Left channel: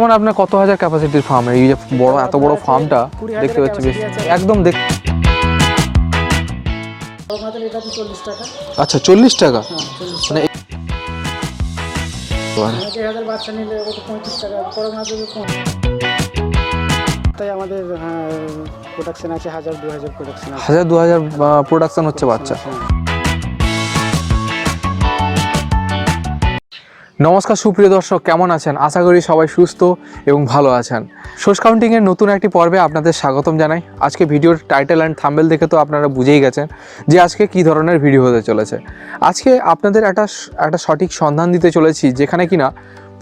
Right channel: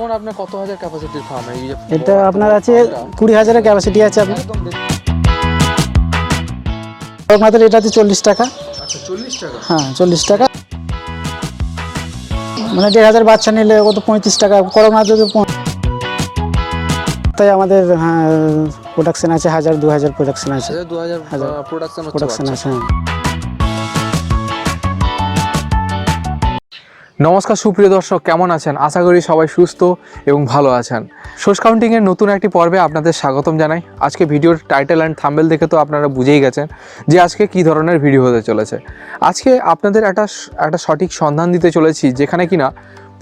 বর্তমানে আপনার কত হাজার ক্যাপাসিটির ফার্ম এই যে বড় এত বড় ফার্মটা 20,000 capacity আছে একদম দেখ আমাদের এটাতে চল্লিশ টাকা। আচ্ছা চল্লিশ টাকা? হ্যাঁ চল্লিশ টাকা। মানে দেড় হাজার বাচ্চা নিলে কত পঁয়ত্রিশ টাকা? করোনাতে তো পঁ- তাই আমাদের হ্যাঁ প্রোডাকশন আছে হাজার দু হাজার প্রোডাকশন আছে। হাজার দু হাজার প্রোডাকশন হচ্ছে বাচ্চা। নমস্কার সুপ্রিয় দর্শক, কেমন আছেন? আশা করি সবাই সুস্থ এবং ভালো আছেন। সোর্স কাউন্টিংয়ের নতুন একটি পর্বে আপনাদের স্বাগতম জানাই। আজকে ভিডিওর টাইটেল অ্যান্ড থাম্বেল দেখে তো আপনারা বুঝেই গেছেন যে আজকে কি ধরনের ভিডিও হতে চলেছে। আজকে আপনাদের একটা একটা সঠিক সন্ধান দিতে চলেছি, যেখানে কিনা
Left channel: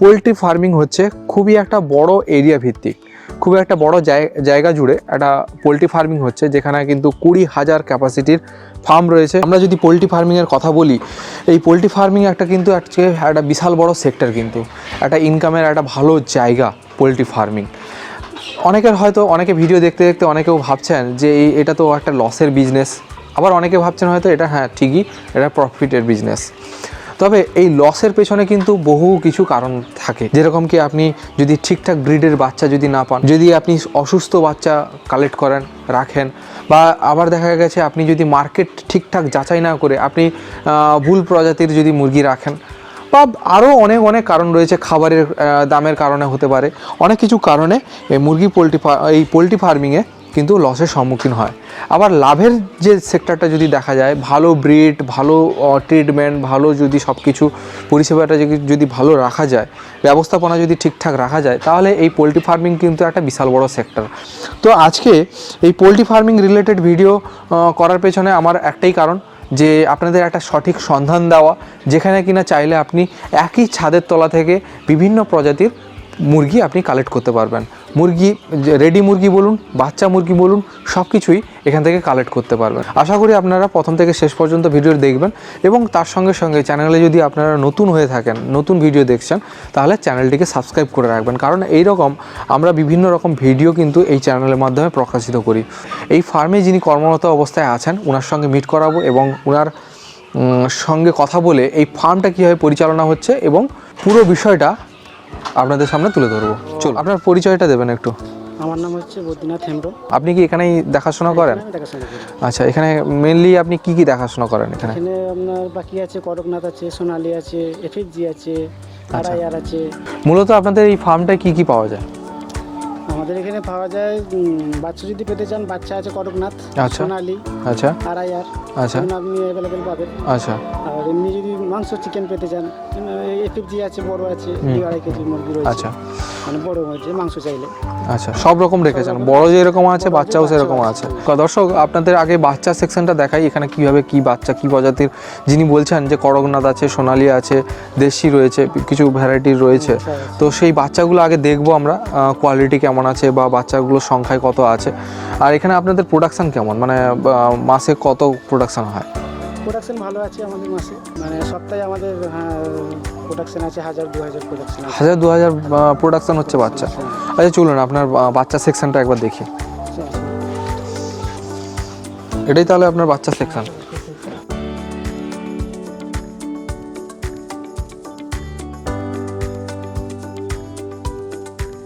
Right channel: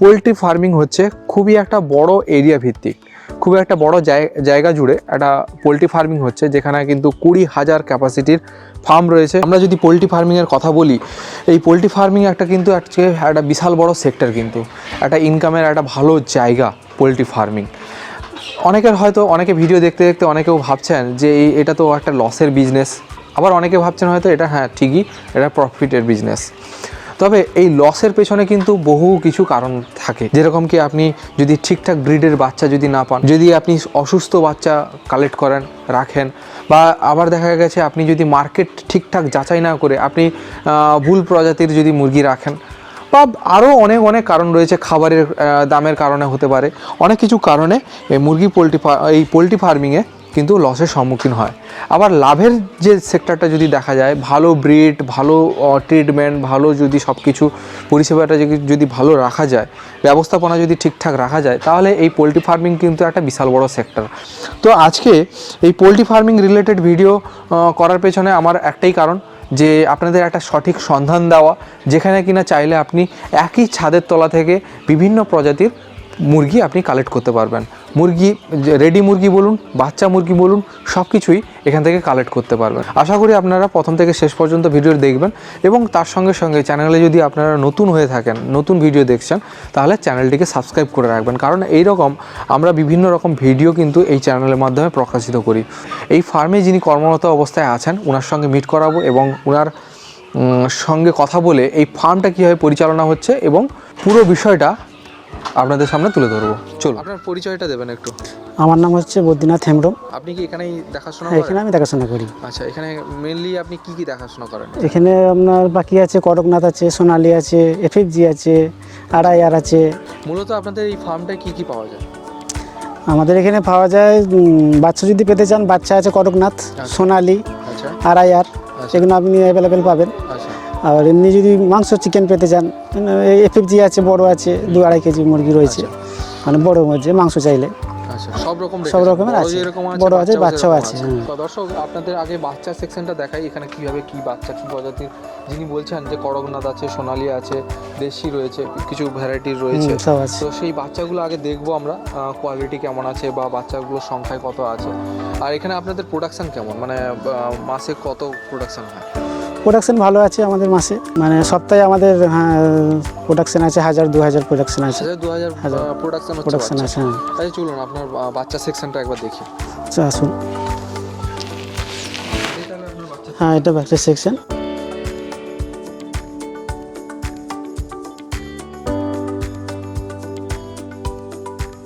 পোলট্রি ফার্মিং হচ্ছে খুবই একটা বড় এরিয়া ভিত্তিক। খুবই একটা বড় জায়- জায়গা জুড়ে একটা পোলট্রি ফার্মিং হচ্ছে, যেখানে কিন্তু কুড়ি হাজার ক্যাপাসিটির ফার্ম রয়েছে। আমরা যদি পোলট্রি ফার্মিংয়ের কথা বলি, এই পোলট্রি ফার্মিং একটা কিন্তু একটা বিশাল বড় সেক্টর কিন্তু, একটা ইনকামের একটা ভালো জায়গা পোলট্রি ফার্মিং। অনেকের হয়তো, অনেকে ভিডিও দেখতে দেখতে অনেকেও ভাবছেন যে এটা তো একটা লসের বিজনেস আবার অনেকে ভাবছেন হয়তো এটা হ্যাঁ ঠিকই, এটা প্রফিটের বিজনেস তবে এই লসের পেছনে কিন্তু বহু কিছু কারণ থাকে। যেরকম কি আপনি যদি ঠিকঠাক ব্রিডের বাচ্চা যদি না পান, যদি আপনি অসুস্থ বাচ্চা কালেক্ট করেন, রাখেন, বা আবার দেখা গেছে আপনি যদি মার্কেট ঠিকঠাক যাচাই না করে আপনি ভুল প্রজাতির যদি মুরগি রাখেন, বা আরও অনেক অনেক কারণ রয়েছে খাবারের দামের কারণে হতে পারে। অনেক কিছু কারণে এই মুরগি পোলট্রি এই পোলট্রি ফার্মিংয়ে কিন্তু লসের সম্মুখীন হয়। আবার লাভের যে সেক্টরটা যদি দেখা যায়, ভালো ব্রিড ভালো ট্রিটমেন্ট ভালো যদি সব কিছু পরিষেবাটা যদি- ভালো রাখা যায়, ব্যবস্থাপনা যদি ঠিকঠাক রাখা যায়, তাহলে এই পোলট্রি ফার্মিং কিন্তু একটা বিশাল বড় সেক্টর তো আজকে এই পোলট্রি ফার্মিং রিলেটেড ভিডিও করার পেছনে আমার একটাই কারণ যে আপনাদের একটা সঠিক সন্ধান দেওয়া, যেখানে কিনা চাইলে আপনি একই ছাদের তলা থেকে বিভিন্ন প্রজাতির মুরগি আপনি কালেক্ট করতে পারবেন। মুরগি রেডি মুরগি বলুন, বাচ্চা মুরগি বলুন সব কিছুই এখান থেকে কালেক্ট করতে পারবেন। আশা করি আপনারা প্রথম থেকে শেষ পর্যন্ত ভিডিও দেখবেন এবং তার সঙ্গে সঙ্গে চ্যানেলে যদি আপনারা নতুন হয়ে থাকেন, নতুন ভিডিও দেখছেন, তাহলে চ্যানেলটিকে সাবস্ক্রাইব করে রাখবেন। কারণ এই রকম আমরা বিভিন্ন রকম ভিডিও কিন্তু এই চ্যানেলের মাধ্যমে প্রকাশিত করি। এই ফার্মে যিনি কর্মরত অবস্থায় আছেন ওনার সঙ্গে মিট করাবো এবং ওনার সঙ্গে কথা বলে এই ফার্মটা কীভাবে পরিচালনা হচ্ছে এবং পুরো বিষয়টা আপনাদের সামনে তুলে ধরবো। চলো আপনার পরিচয়টা দেবেন একটু। আমার নাম হচ্ছে বদ্রীনাথ হেমব্রম। আপনি কি এখানেই দেখাশোনা করেন? আমি দেখাশোনা করি। আচ্ছা এখানে মেনলি আপনি কি কি দেখাশোনা করেন এখানে? আপনার বাকি আছে কটকনাথ আছে সোনালি আছে এফএফজি আছে আড়াইয়ার আছে। মূলত আপনাদের এই ফার্মটায় কি কি পাওয়া যায়? আমাদের এখানে পাওয়া যায় বাচ্চা যদি পেতে চান বাচ্চা আছে কটকনাথ আচ্ছা। সোনালি আচ্ছা। আড়াইয়ার আচ্ছা সেগুলো আপনি অ্যাভেলেবেল পাবেন। আচ্ছা। আর এমনি যদি মাংস চিকেন পেতে চান এফএফজি আছে বড় আছে দু আড়াই কেজি মুরগি রয়েছে। আচ্ছা। মানে বড় মধ্যে মাংস চাইলে। আচ্ছা সব রকম রেখেছেন বড়। যেরকম আছে বাচ্চাও সেরকম আছে, দর্শক আপনাদের আগে বাচ্চা সেকশনটা দেখাই এখানে কীভাবে কি বাচ্চা কি প্রজাতির। যিনি বলছেন যে করগনাথ আছে সোনালি আছে দেশি রয়েছে কিছু ভ্যারাইটির রয়েছে। তো সেই বাচ্চাগুলো আগে দেখব আমরা কোয়ালিটি কেমন আছে বা বাচ্চাগুলোর সংখ্যায় কত আছে। আর এখানে আপনাদের প্রোডাকশান কেমন? মানে মাসে কত প্রোডাকশান হয়? প্রোডাকশন ভালো আছে আমাদের মাসে। মানে সপ্তাহে আমাদের হ্যাঁ প্রোডাকশন আছে হাজার দু হাজার প্রোডাকশন আছে। হাজার দু হাজার প্রোডাকশন হচ্ছে বাচ্চা। হ্যাঁ। আচ্ছা চলুন আপনার বাচ্চা সেকশনটা একবার দেখি। আচ্ছা আসুন। এটাই তাহলে আপনার বাচ্চা হ্যাঁ এটা বাচ্চা সেকশন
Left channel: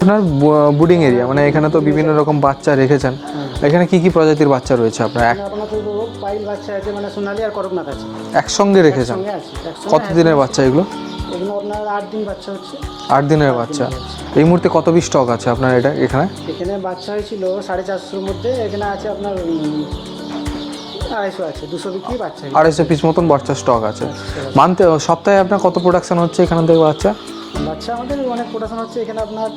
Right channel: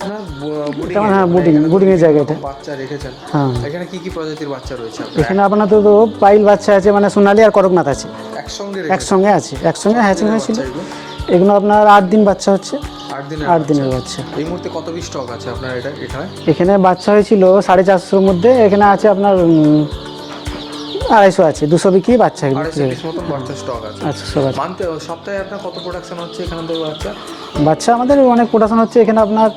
আপনার বুডিং হ্যাঁ, এরিয়া মানে এখানে তো বিভিন্ন রকম বাচ্চা রেখেছেন। হ্যাঁ। এখানে কি কি প্রজাতির বাচ্চা রয়েছে আপনার? এখানে আপনার তো পাইল বাচ্চা আছে মানে সোনালি আর করকনাথ আছে। একসঙ্গে রেখেছেন? একসঙ্গে আছে একসঙ্গে হ্যাঁ দিনের বাচ্চা এগুলো? এগুলো আপনার আট দিন বাচ্চা হচ্ছে। আট দিনের বাচ্চা। এই মুহূর্তে কত পিস স্টক আছে আপনার এটা এখানে? এখানে বাচ্চা হয়েছিল সাড়ে চারশোর মধ্যে এখানে আছে আপনার আড়াইশো আছে দুশো বিক্রি বাচ্চা আড়াইশো পিস মতন বাচ্চা স্টক আছে। আছে। মানতে সপ্তাহে আপনার কত প্রোডাকশন হচ্ছে এখান থেকে বাচ্চা? বাচ্চা আমাদের অনেক প্রোডাকশন হচ্ছে এখানে আপনার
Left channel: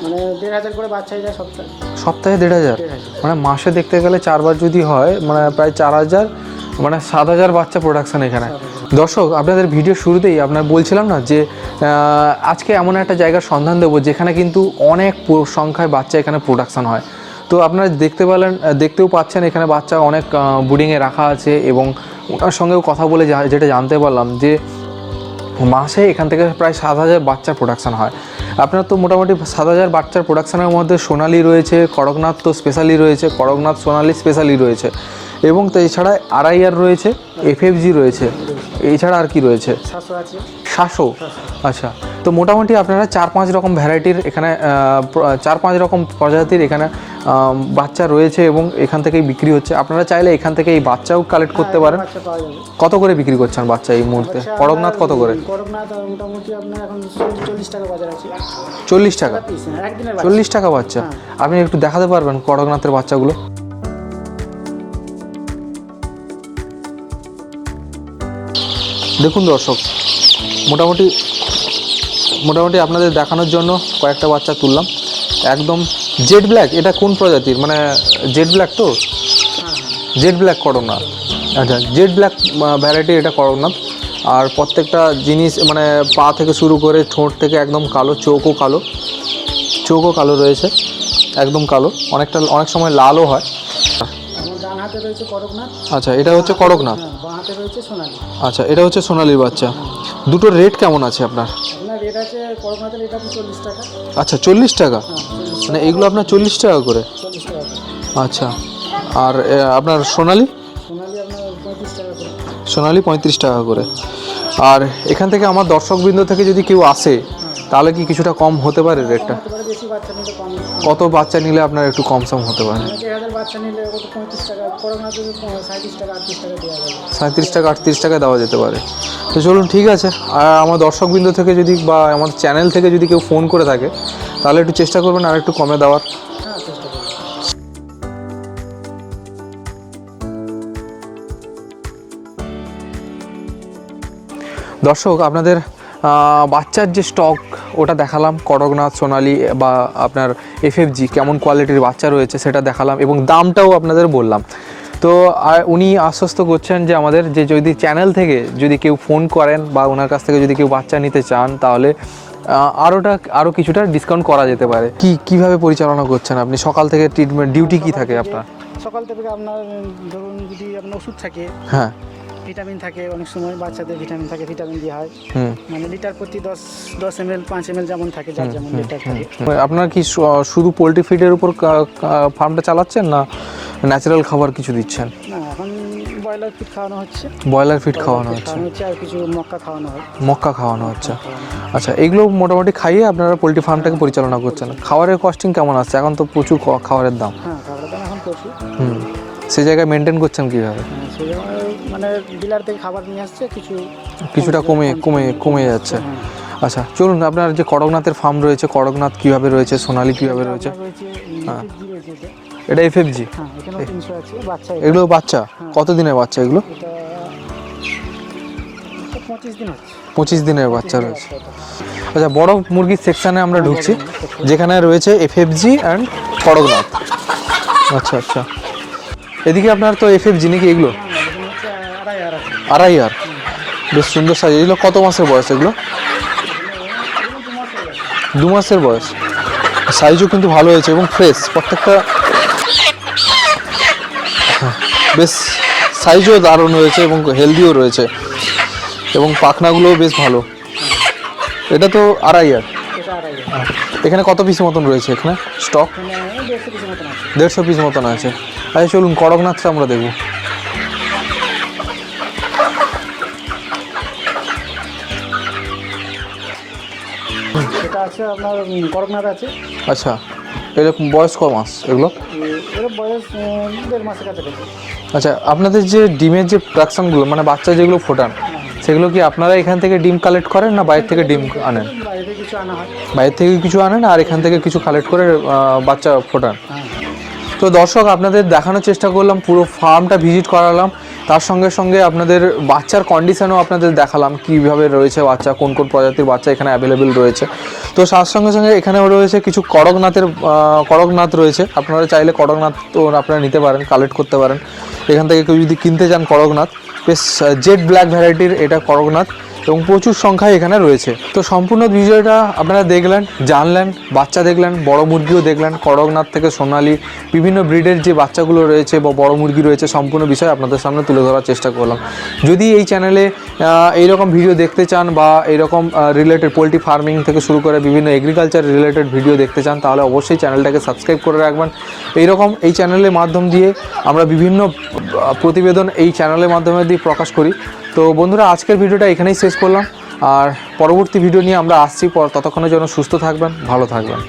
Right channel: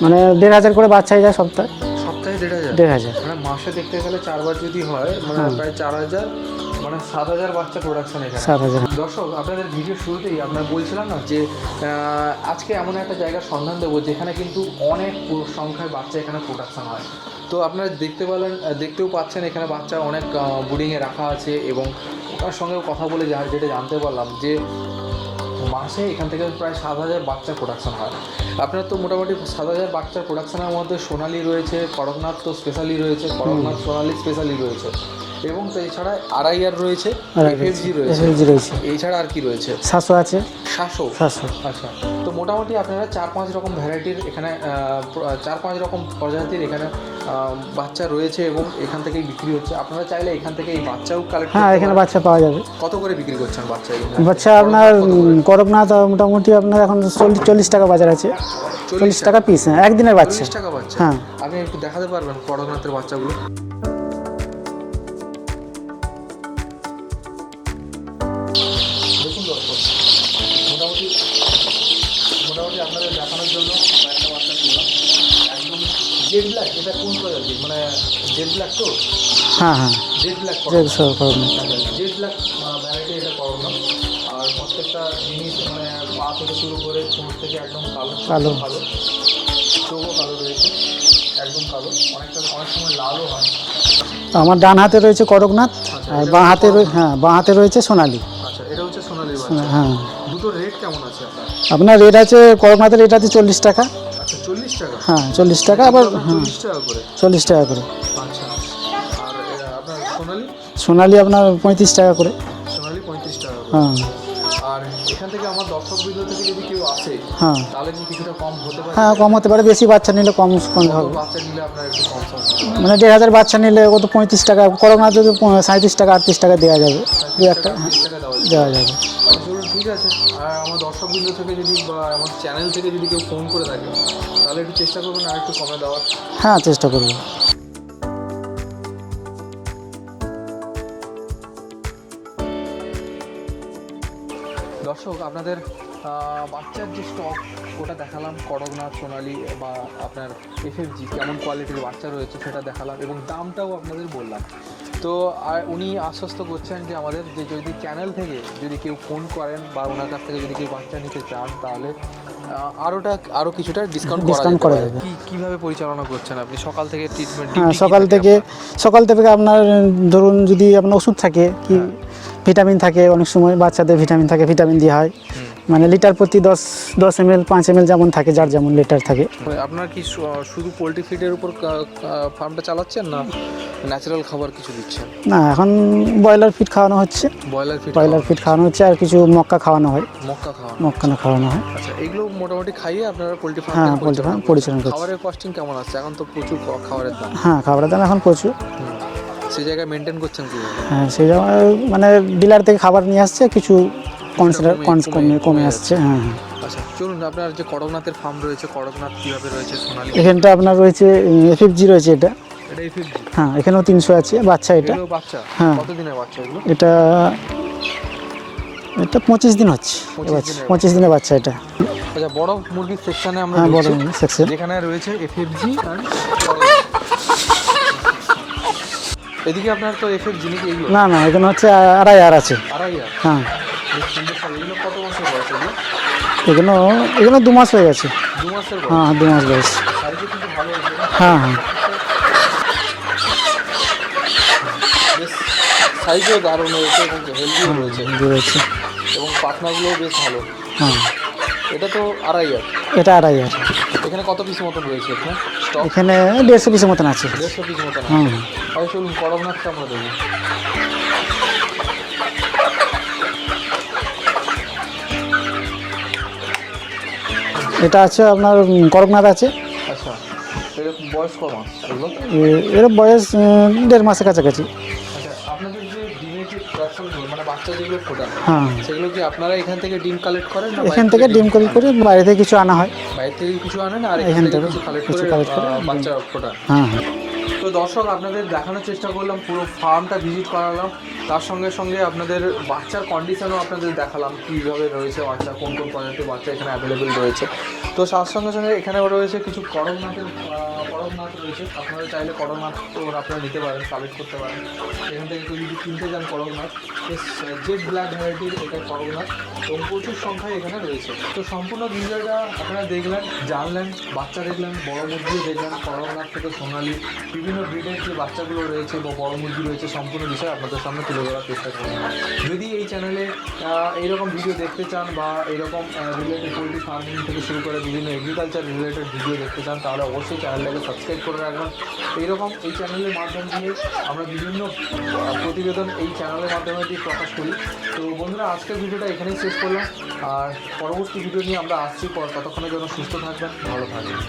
মানে দেড় হাজার করে বাচ্চাই যায় সপ্তাহে। সপ্তাহে দেড় হাজার? দেড় হাজার। মানে মাসে দেখতে গেলে চারবার যদি হয় মানে প্রায় চার হাজার মানে সাত হাজার বাচ্চা প্রোডাকশন এখানে। দর্শক আপনাদের ভিডিও শুরুতেই আপনার বলছিলাম না যে আজকে এমন একটা জায়গার সন্ধান দেবো যেখানে কিন্তু অনেক সংখ্যায় বাচ্চা এখানে প্রোডাকশন হয়। তো আপনারা দেখতে পেলেন দেখতেও পাচ্ছেন এখানে বাচ্চা অনেক বুডিংয়ে রাখা আছে এবং ওনার সঙ্গেও কথা বলে যা- যেটা জানতে পারলাম যে মাসে এখান থেকে প্রায় সাত হাজার বাচ্চা প্রোডাকশন হয়। আপনার তো মোটামুটি সাত হাজার বাচ্চার প্রোডাকশানের মধ্যে সোনালি রয়েছে করকনাথ তো স্পেশালি রয়েছে করকনাথ সোনালি স্পেশালি রয়েছে এবং তো এছাড়া আর রয়েছে এফএফজি রয়েছে। এছাড়া আর কি রয়েছে? সাতশো আছে। সাতশো আচ্ছা তো মোটামুটি আপনারা চার পাঁচ রকম ভ্যারাইটির এখানে চার পাঁচ রকম প্রজাতির এখানে বাচ্চা রয়েছে এবং এখান থেকেই বিক্রি হচ্ছে। আপনারা চাইলে এখান থেকে এই বাচ্চাও কালেক্ট হ্যাঁ করতে পারেন। বাচ্চা পাওয়া যাবে। কত করে বিক্রি করছেন বাচ্চা এই মুহূর্তে? করকনাথ কত করে? করকনাথ মোটামুটি আপনার এখন চল্লিশ টাকা বাজার আছে। চল্লিশ টাকা টাকা? পিস হ্যাঁ একদিনের বাচ্চা। চল্লিশ টাকা বাচ্চা? হ্যাঁ। আপনি একটু দেখাতে পারবেন করকনাথের বাচ্চাগুলো? দেখুন দর্শক মোটামুটি মোটামুটি আপনাদের দেখানোর জন্য কয়েকটা বাচ্চা তুললাম। একদম জেড ব্ল্যাক এটা কোন প্রজাতির? মানে জেড ব্ল্যাক তো? হ্যাঁ হ্যাঁ। জেড ব্ল্যাক করোনা আচ্ছা জেড ব্ল্যাক ভ্যারাইটি এটা করকনাথ আর প্রত্যেকটা জিনিস মানে পা থেকে শুরু করে ঠোঁট থেকে একদম কালো চোখও কালো। চোখও কালো রয়েছে একদম কালো। অনেকটা অনেক সময় লালও হয়। আমার ডান হাতে রয়েছে করকনাথ আচ্ছা এটা হচ্ছে করকনাথ? হ্যাঁ বাঁ হাতে রয়েছে সোনালি। আচ্ছা এটা হচ্ছে সোনালির বাচ্চা। হ্যাঁ। দুটোর রেট কেমন আছে আপনার? আপনার রেট আছে করকনাথের রেট আছে চল্লিশ টাকা। আচ্ছা চল্লিশ টাকা? হ্যাঁ চল্লিশ মানে টাকা এগুলো আপনার চল্লিশ টাকা করে? চল্লিশ টাকা করে। আচ্ছা আর আপনার সোনালি? সোনালি আপনার পঁয়ত্রিশ টাকা করে। সোনালি পঁয়ত্রিশ টাকা করে। হ্যাঁ। আর এখান থেকে আমার দর্শকবৃন্দ থেকে যদি কেউ আসে হ্যাঁ। তাহলে কি কিছুটা কম হতে পারে হ্যাঁ কম হতে পারে বেশি বাচ্চা নিলে কম কত বাচ্চা নিলে আপনার একটু কম সম হতে পারে। মানে দেড় হাজার বাচ্চা নিলে কত পঁয়ত্রিশ টাকা করকনাথ যদি সাঁত্রিশ টাকা আটত্রিশ টাকা দেওয়া যাবে। সাঁত্রিশ টাকা আটত্রিশ টাকা দেওয়া যেতে পারে। তো চলুন ঠিক আছে। আর আমার দর্শকবৃন্দ থেকে যদি বা আমার চ্যানেল থেকে যদি কেউ ফোন করে থাকে তাহলে একটু চেষ্টা করবেন আর একটু কমে দেওয়ার। হ্যাঁ চেষ্টা করব। দর্শক আপনাদের বাচ্চার যে স্টক ওটা দেখালাম। করকনাথ সোনালি বা আপনার এফএফজি কেমন কোয়ালিটির বাচ্চা রয়েছে সেটা দেখালাম এবং দামটাও আপনাদের বললাম। তো আর উনি আশ্বস্ত করছেন যে আমাদের যে যদি চ্যানেল থেকে যদি কেউ ফোন করেন বা ওনার কাছ থেকে যদি কেউ বাচ্চা নিতে চান তাহলে আরোটা আরও কিছুটা ডিসকাউন্ট করা যেতে পারে। কি কীভাবে পরিচালনা করছেন আপনি? সকাল থেকে ট্রিটমেন্ট ডিউটি হ্যাঁ, কি সকাল থেকে সকাল থেকে আপনার ধরুন যদি আপনার ওষুধ থাকে হ্যাঁ। ভিটামিন থাকে অনেক সময় বাচ্চাদের ভিটামিন থাকে ভিটামিন দেওয়া হয়। মানে লিটার প্রতি দশ দশ এম এল পাঁচ এম এল যেমন থাকে যার যেমন লিটার থাকে। আপনার কি শুধু পোলট্রি ফিডের উপর ফার্মটা চালাচ্ছেন না ন্যাচারাল খাবার কিছু দিচ্ছেন? না এখন ব্রয়লার ফিড খাওয়ানো হচ্ছে। ব্রয়লার ফিড ব্রয়লার ফিট খাওয়ানো হচ্ছে আর কিছু মক্কা খাওয়ানো হয়। মক্কা খাওয়ানো হচ্ছে। মক্কা খাওয়ানো হয়। আচ্ছা এগুলো মোটামুটি খাইয়ে আপনারা পোলট্রি ফার্মটাকে হ্যাঁ, পরিচালনা করছেন। খাবারের কস্টিং কেমন আসছে? এখন তো প্রচুর খাবারের দাম। হ্যাঁ খাবারের দাম এখন প্রচুর। সেই জায়গায় মেনটেন করছেন কীভাবে? হ্যাঁ সেই জন্য মানে ডিলার থেকে খাবার নিয়ে আসছে কিছু কিছুটা কমে- কমে কমে- যাচ্ছে। হ্যাঁ আচ্ছা চলুন আপনার যে করকনাথের ফার্ম রয়েছে করকনাথ কীভাবে রয়েছে সোনালি এখানটা? আপনার রয়েছে এফএফজি রয়েছে এটা। এটা এফএফজি হ্যাঁ এখানেও তিনশো আছে বাচ্চা এটা। এগুলো বাচ্চা? হ্যাঁ। কত দিনের বাচ্চা এগুলো? এটা এটা পঁচিশ দিন হচ্ছে। 25 দিনের পঁচিশ দিনের বাচ্চা এটা। আচ্ছা বড় মুরগির সেকশনে আমরা হ্যাঁ, ঢুকছি। যেখানে রয়েছে এফএফজি অ্যান্ড করকনাথ আচ্ছা আচ্ছা। এদিকে আপনার তো এফএফজি নাকি এগুলো? না না এখানে হচ্ছে আড়াই আর আছে। আড়াই আর? হ্যাঁ। বেশ সুন্দর সাইজ এগুলো কত মাসের বয়স এগুলো? এখানে এখানে দু মাস হয়ে গেছে। দু মাসের বয়স? হ্যাঁ দু মাস বয়স। সাইজও কিন্তু ভালো হয়েছে এবং ফ্রেশ হ্যাঁ। প্রত্যেকটা বেশ সাইজও দারুণ রয়েছে এবং হেলদিও রয়েছে। এবং পাখনাগুলোও বেশ ভালো। হ্যাঁ। এটা তো আড়াই আর? এটা আড়াই আর। এখানে কত পিস মতন রয়েছে এখানে? স্টক এখানে দেড়শো পিসের মতন আছে। দেড়শো পিস মতন আছে। আচ্ছা চলুন করকনাথটা আমরা দেবো এটা আছে আপনার কড়কনাথ করকনাথ আছে। আচ্ছা। এরকম বয়স ক মাস এগুলো? এর বয়স দেড় মাসের কাছাকাছি। আচ্ছা আপনাদের যে ডিমের যে প্রোডাকশনগুলো মানে বাচ্চা যেগুলো ফোটান হ্যাঁ। সেগুলো কি আপনারা এখান থেকে ডিম কালেক্ট করেন না বাইরে থেকে ডিম বাইরে থেকে কিছু আনা হয়। বাইরে থেকে কিছু আনেন আর এখান থেকে কিছু কালেক্ট করে বাচ্চা ফোটান। হ্যাঁ হ্যাঁ। তো দর্শক আপনাদের দেখানোর চেষ্টা করলাম পুরো ফার্মটা ভিজিট করালাম। তার সঙ্গে সঙ্গে আপনাদের বাচ্চার কন্ডিশানও আপনাদের দেখালাম, কীভাবে রয়েছে বাচ্চা, কোন কোন প্রজাতির বাচ্চা এখানে অ্যাভেলেবেল রয়েছে। তো তার সঙ্গে সঙ্গে এখানেও রয়েছে কিছু কড়কনাথের কড়কনাথ রয়েছে। আপনারা চাইলে করকনাথ তো আপনারা নিতে পারেন কালেক্ট করতে পারেন। এখান থেকে কেউ যদি কিনতে চান করকনাথ, বেশ জেড ব্ল্যাক ভ্যারাইটির এটা করকনাথ। এবং প্রচুর সংখ্যায় এখানে রয়েছে। তো সম্পূর্ণ ভিডিওটা আপনারা দেখলেন, জানলেন, বাচ্চা দেখলেন, বড় মুরগিও দেখলেন করগনাথ থেকে সোনালি, বিভিন্ন ব্রিডের যে বাচ্চাগুলো রয়েছে বা বড় মুরগি রয়েছে, সম্পূর্ণ বিষয় আপনাদের সামনে তুলে ধরার চেষ্টা করলাম। যদি এই চ্যানেলে এইরকম ভিডিও দেখতে চান বা এইরকম রিলেটেড পোলট্রি ফার্মিং থেকে শুরু করে বিভিন্ন এগ্রিকালচার রিলেটেড ভিডিও দেখতে চান, তাহলে অবশ্যই চ্যানেলটাকে সাবস্ক্রাইব করে রাখবেন। এইরকম এই চ্যানেলের মাধ্যম দিয়ে আমরা বিভিন্ন প্রতিবেদন এই চ্যানেলের মাধ্যমে দিয়ে প্রকাশ করি। তো বন্ধুরা, আজকের ভিডিওটা এখানেই শেষ করলাম। আর পরবর্তী ভিডিও নিয়ে আমরা আসছি। পর ততক্ষণের জন্য সুস্থ থাকবেন, ভালো থাকবেন।